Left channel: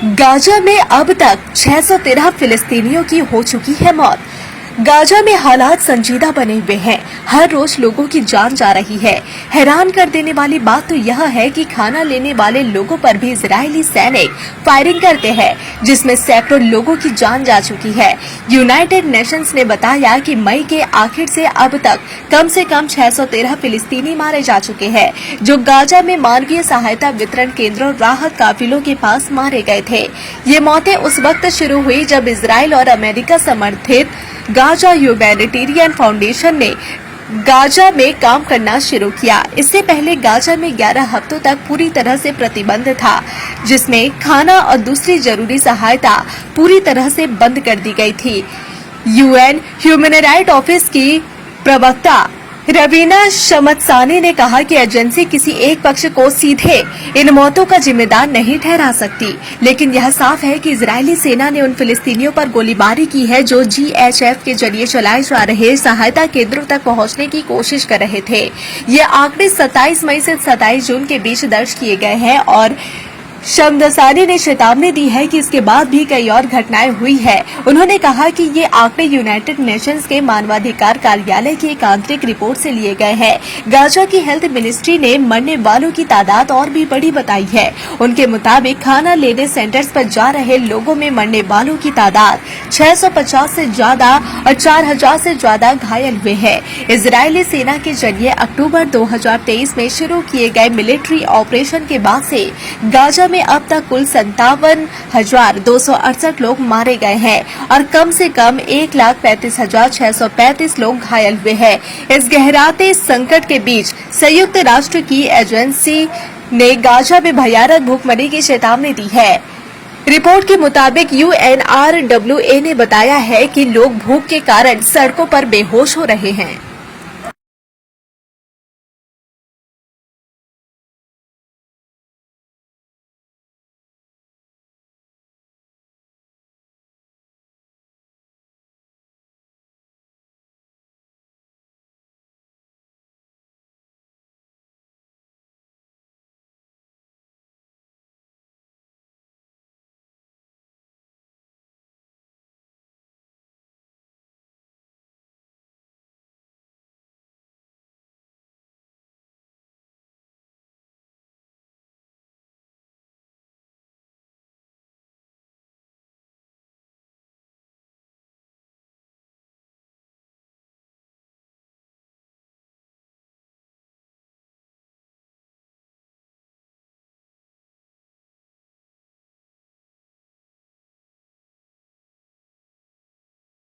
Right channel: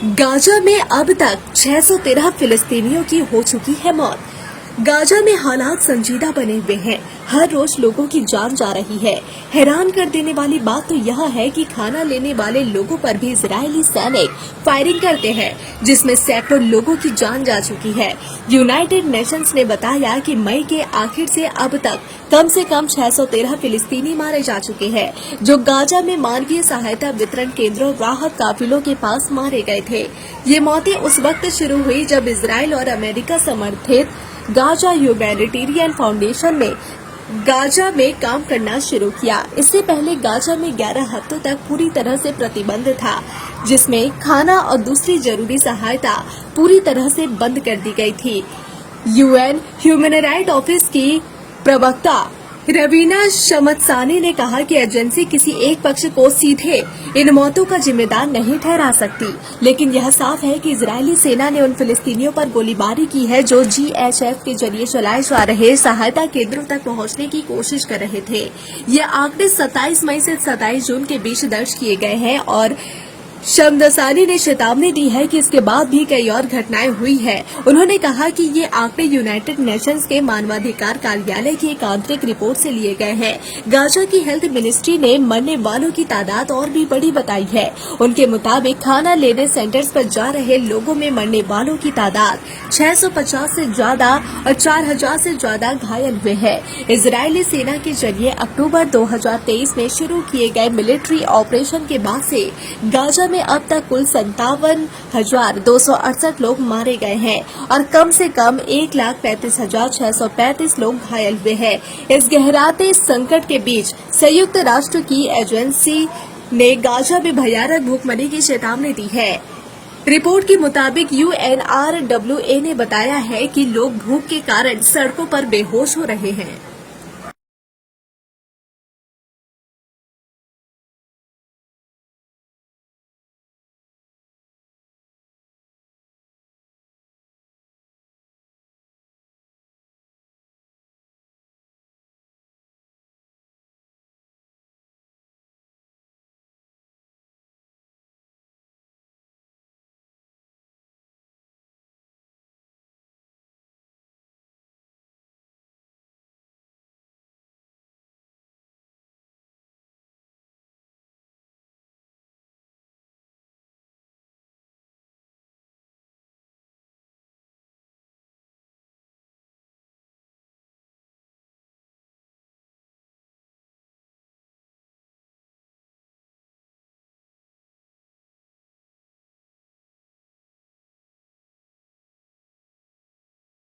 Gaza में अब तक 613 फिलिस्तीनियों की हो चुकी है मौत। गाजा में हालात संजीदा बने हुए हैं। हर रोज लोगों की जान जा रही है। हैरान कर देने वाली बात तो यह है कि खाना लेने वाले लोगों पर भी इजरायली सैनिक फायरिंग करते हैं, जिसमें सैकड़ों लोगों की जान जा चुकी है। यूनाइटेड नेशंस ने बताया कि मई के आखिर से अब तक कम से कम 613 फिलिस्तीनी मारे जा चुके हैं, जो गाजा में मानवीय सहायता वितरण केंद्रों और राहत काफिलों के पास मारे गए थे। ये मौतें उस वक्त शुरू हुई जब इसराइल और अमेरिका समर्थित गाजा ह्यूमैनिटेरियन फाउंडेशन ने गाजा में काम करना शुरू किया। इससे पहले गाजा में 11 हफ्तों तक पूरी तरह से प्रतिबंध था, जिसमें खाना और दूसरी जरूरी सहायता पूरी तरह से बंद कर दी गई थी। यूएन ह्यूमन राइट ऑफिस की प्रवक्ता रवीना शमत्सानी ने कहा कि एजेंसी किसी एक पक्ष को सीधे इन मौतों का जिम्मेदार नहीं ठहरा सकती, लेकिन यह साफ है कि इजरायली सेना ने उन फिलिस्तीनियों पर गोलीबारी की है जो जीएचएफ के जरिए चलाए जा रहे सहायता केंद्रों तक पहुंचने की कोशिश कर रहे थे। ये आंकड़े 27 मई से 27 जून के बीच दर्ज किए गए हैं और शमदसानी ने चेतावनी दी है कि इसके बाद भी कई और घटनाएं हुई है। उन्होंने कहा कि ये आंकड़े यूनाइटेड नेशंस के मानवाधिकार कार्यालय की एक आंतरिक रिपोर्ट से लिए गए हैं। गाजा की हेल्थ मिनिस्ट्री ने मरने वालों की तादाद और भी बड़ी बताई है। उनके मुताबिक खाना लेने सेंटर्स पर जा रहे लोगों में मरने वालों की तादाद 650 से ज्यादा और 4000 से ज्यादा घायल हुए हैं। इजरायली सेना के जरिए अक्टूबर 2023 में शुरू किए गए मिलिट्री ऑपरेशन के बाद से गाजा में अब तक कुल 57,268 लोग मारे गए हैं और कम से कम 1,35,635 लोग घायल हुए हैं। इस गहराते संकट के बीच संयुक्त राष्ट्र की एजेंसी ने गाजा में भयानक भूखमरी की चेतावनी दी है। रिपोर्ट के मुताबिक UNRWA ने बताया है कि लोग भूख के कारण सड़कों पर बेहोश हो रहे हैं।